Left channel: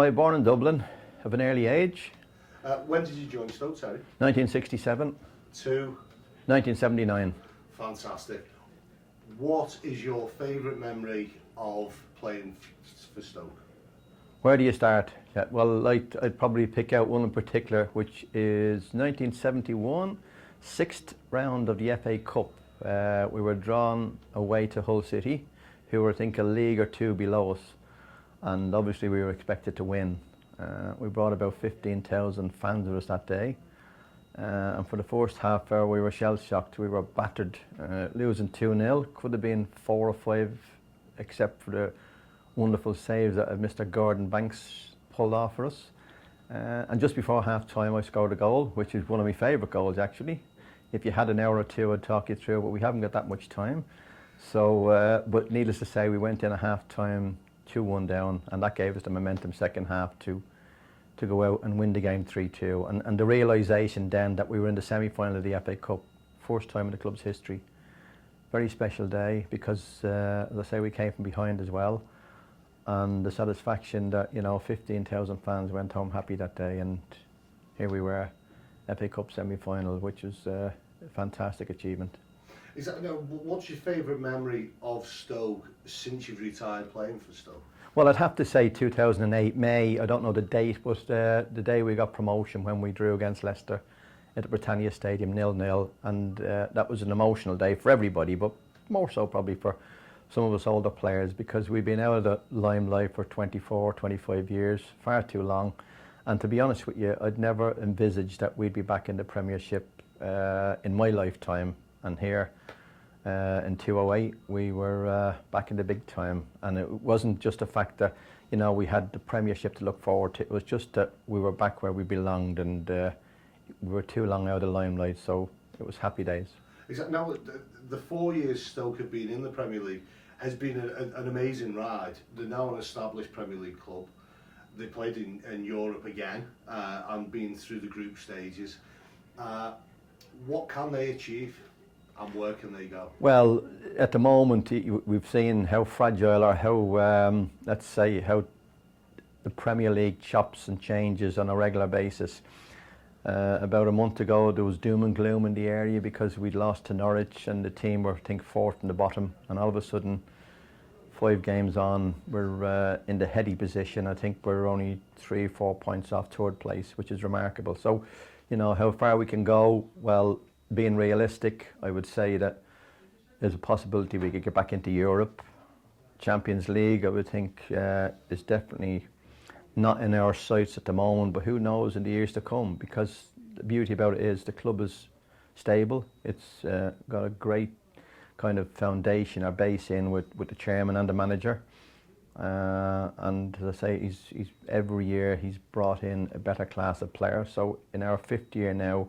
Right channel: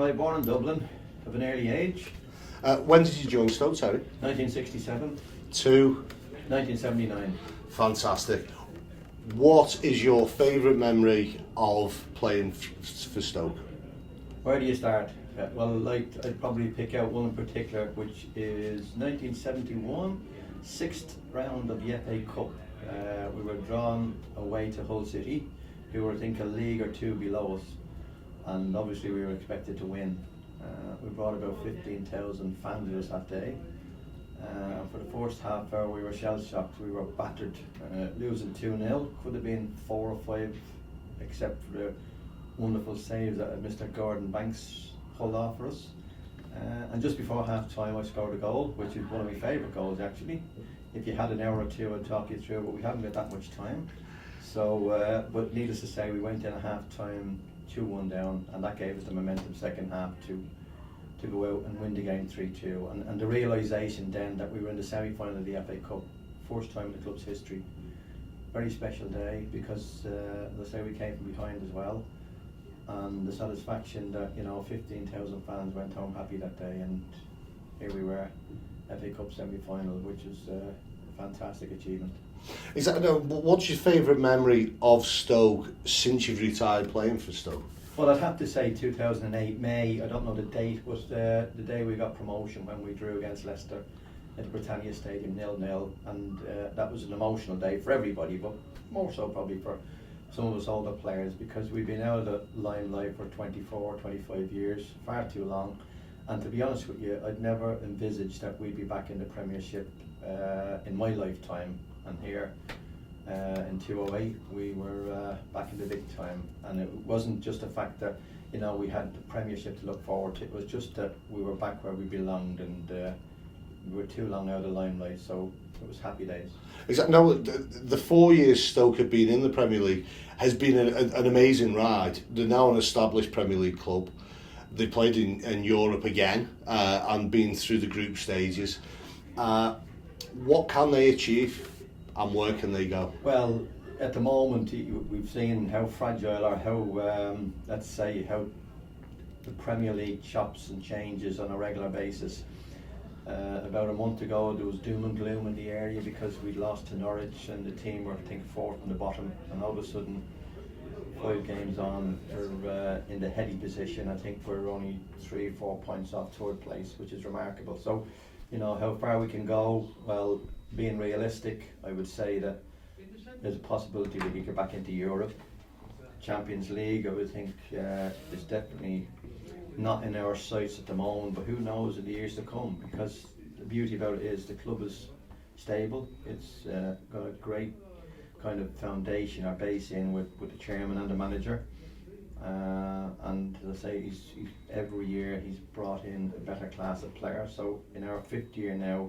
Conroy, born in Dublin, of an early age. When did you join Stoke, Terry? 1967 to 1979. Fantastic. What is your favourite memory of playing for Stoke? Where do you start? Well, I'd probably pick out one in particular, which is 1971, sixth round of the FA Cup. We were drawn away to Hull City, who were, I think, a league or two below us, and obviously we were expected to win. We brought about 15,000 fans with us that day, and for the first half hour we were shell-shocked. We were battered, losing 2-0. Could have been 4 or 5, except for the wonderful saves that Mr. Gordon Banks pulled off for us. And just before half time I scored a goal, which is one of my favourite goals actually. If you had an hour or two I'd talk you through, but we haven't got that much time. So, but needless to say, we went in at half time 2-1 down, and that gave us the momentum second half to go out and win the game 3-2. And the realisation then that we were in the semi-final of the FA Cup, first time in the club's history. Very special day because, as I say, we came from behind as well. And the satisfaction that, 15,000 fans went home happy that day, and here we were, FA Cup semi-final, which was a fantastic achievement. What's your favourite memory of Stoke since you've retired playing for Stoke? Well, I'd have to say 2008 May. I don't know the date, but the day we got promotion when we drew against Leicester at the Britannia Stadium 0-0, and that was an emotional day for everybody, but more so probably for some of us older players, because we've been out of the limelight for 24, 25 years, far too long. And to be honest with you, I'd never envisaged that we'd be back in the Premiership in my lifetime. And here in 2008 we were back in the big time, and it wasn't just the fact that we had the Premiership to look forward to. It was just that we were back where we belonged, and we were too long out of the limelight, so it was happy days. Exactly. Now, the 4 years Stoke have been in the Premier League has been an amazing ride. They're now an established Premier League club. They played in Europe again and been through the group stages. What can they achieve, and where can they go? Well, at the moment we've seen how fragile, or how let's say how the Premier League chops and changes on a regular basis. About a month ago there was doom and gloom in the area because we'd lost to Norwich and the team were, I think, fourth in the bottom, and all of a sudden 5 games on we're in the heady position. I think we're only 3 or 4 points off third place, which is remarkable. So how far we can go, well, being realistic, I would say that there's a possibility we could get back into Europe. Champions League, I would think, is definitely not in our sights at the moment, but who knows in the years to come, because the beauty about it is the club is stable. It's got a great kind of foundation or base in with the chairman and the manager, and as I say, he's every year he's brought in a better class of players. So in our 5th year now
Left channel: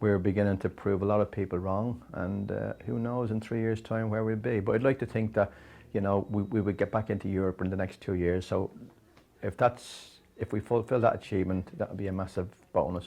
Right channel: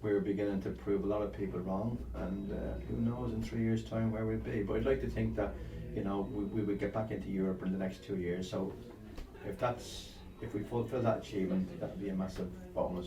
we're beginning to prove a lot of people wrong, and who knows in 3 years time where we'll be. But I'd like to think that we would get back into Europe in the next 2 years. So if we fulfill that achievement, that would be a massive bonus.